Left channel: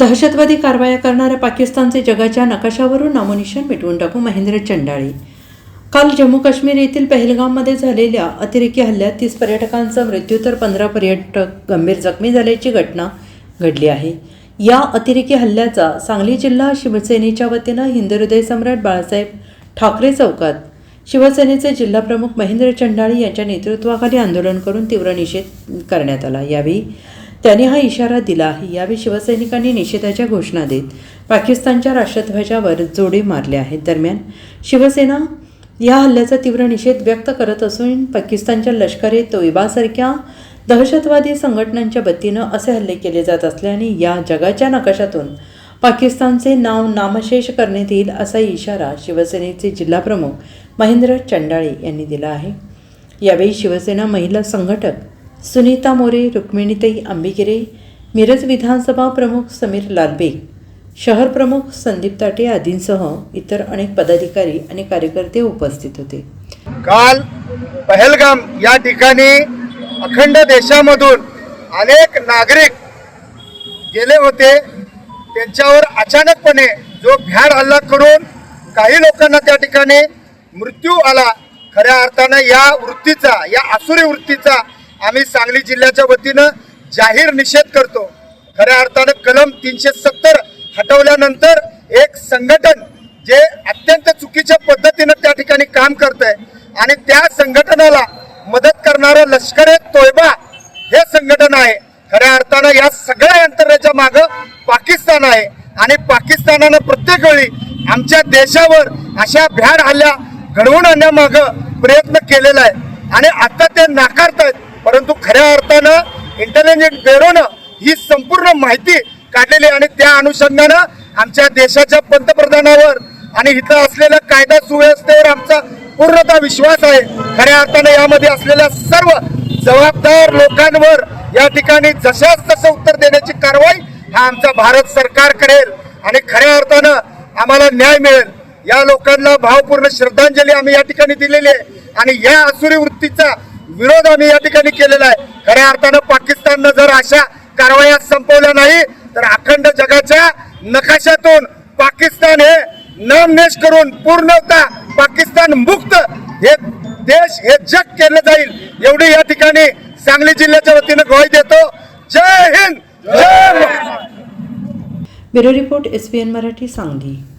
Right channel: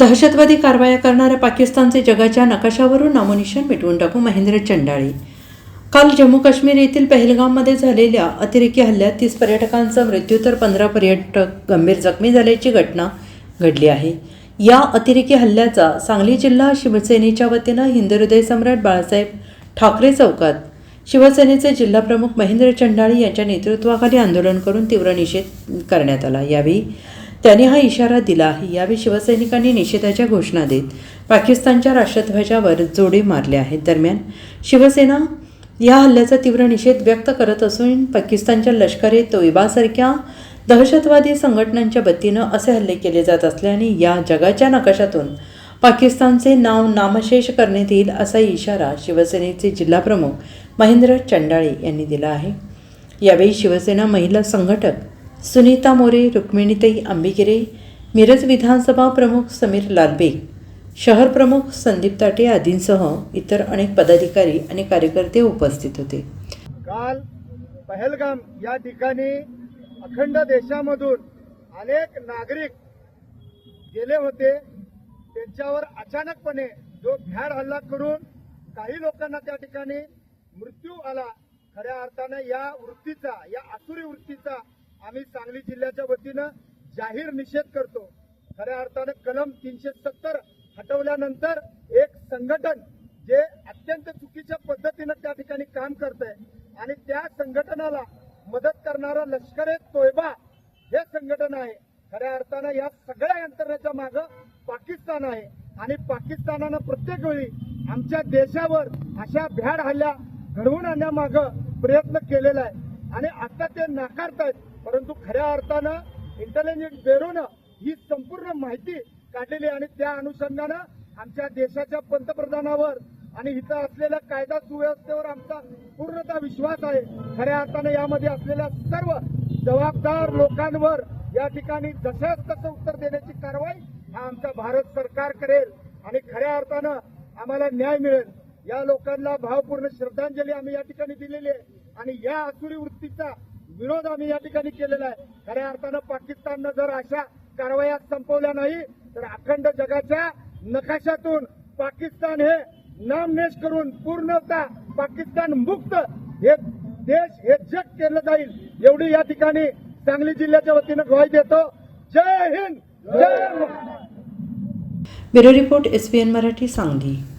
दहशतवादी कारवाया करणाऱ्या पाकिस्तानचे जगाच्या नकाशावरून नामोनिशन मिटवून टाकू महेंद्र चंडाळी काल जम्मू काश्मीर येथील पहलगाममध्ये झालेल्या अतिरेकी हल्ल्यात तीस पर्यटकांचा मृत्यू तर पंधरा पर्यटक गंभीर जखमी झाल्याची घटना घडली आहे या अतिरेकी हल्ल्याचा सांगली जिल्हा शिवसेनेच्या वतीनं हृदय सम्राट बाळासाहेब ठाकरे चौकात शिवसेनेचे जिल्हाप्रमुख महेंद्र चंडाळी यांच्या नेतृत्वाखाली आंदोलन करून तीव्र निषेध करण्यात आला यावेळी त्यांनी हा इशारा दिला आहे यावेळी शिवसैनिकांनी निषेधाच्या घोषणा देत पाकिस्तानच्या राष्ट्रध्वजावर जोडे मारले आहेत दरम्यान शिवसेना या हल्ल्याचा तीव्र निषेध व्यक्त करत असून पाकिस्तानच्या लष्करे तोयबासारख्या दहशतवादी संघटनांच्या वतीनं असे हल्ले केले जात असल्याने या जगाच्या नकाशातून पाकिस्तानचे नाव नामशेष करण्यात येईल असा इशारा शिवसेनेचे जिल्हाप्रमुख महेंद्र चंडाळे यांनी दिला आहे यावेळी शिवसेना महिला संघटक सुनीता मोरे रुक्मिणीताई आंबिगिरे मिरज विधानसभा प्रमुख समीर लालबे शहर प्रमुख संदीप ताटे आदींसह इतर अनेक पदाधिकारी आणि कार्यकर्ते उपस्थित होते काल पहलगाम या ठिकाणी अखंड देशामधून अनेक नागरिक गेले होते त्यांच्यावर अचानकपणे जो भ्याड हल्ला करून काही लोकांना त्या ठिकाणी मृत्यू आला खऱ्या अर्थानं या वृत्तीचा या आसुरी वृत्तीचा आम्ही सांगली जिल्ह्याच्या वतीनं जाहीर निषेध करतो खऱ्या अर्थानं कलम तीनशे सत्तर हटवल्यानंतर एक संघटन जे अत्यंत चुकीच्या पद्धतीनं त्या ठिकाणी काम करत आहे आणि त्या संघटनाला मदत करणारं लष्कर ए तोयबा हे संघटन आहे खऱ्या अर्थानं या सगळ्या यंत्रणेच्या मागं पाकिस्तान आहे आणि पाकिस्तानानं प्रत्येक वेळी आमच्या देशावर अशा भ्याड हल्ल्या घडवून आणण्यामाग प्रयत्न केलेला आहे आणि आता ते नाकारतायत परंतु खऱ्या अर्थानं इंटेलिजन्स ब्युरोनं ही संपूर्ण माहिती काढलेली आणि त्या अनुषंगानं आमच्या देशाच्या पंतप्रधानावर आणि इथं असलेल्या कायदा सुव्यवस्थेवर आमचा पूर्णतः विश्वास आहे खऱ्या अर्थानं यामध्ये असलेल्या सर्व जबाबदार लोकांवर या ठिकाणी जशाच तसं उत्तर देण्याची कारवाई हा आमचा भारत सरकार करेल आणि खऱ्या अर्थानं आम्हाला न्याय मिळेल या लोकांना भावपूर्ण श्रद्धांजली आम्ही या ठिकाणी दिलेली आहे आणि या असुरी वृत्तीचा विरोध आम्ही या ठिकाणी केलेला आहे खऱ्या अर्थानं पाकिस्ताननं जर अशा कारवाया संपवल्या नाही तर अखंड जगाच्या नकाशातून पाकिस्तान हे नामनेश करून पूर्णता पाकिस्तान मुक्त हे देश हे जग केलं जाईल एवढी या ठिकाणी सांगली जिल्ह्याच्या वतीनं ग्वाही देतो जय हिंद जय bureau report N Marathi Sangli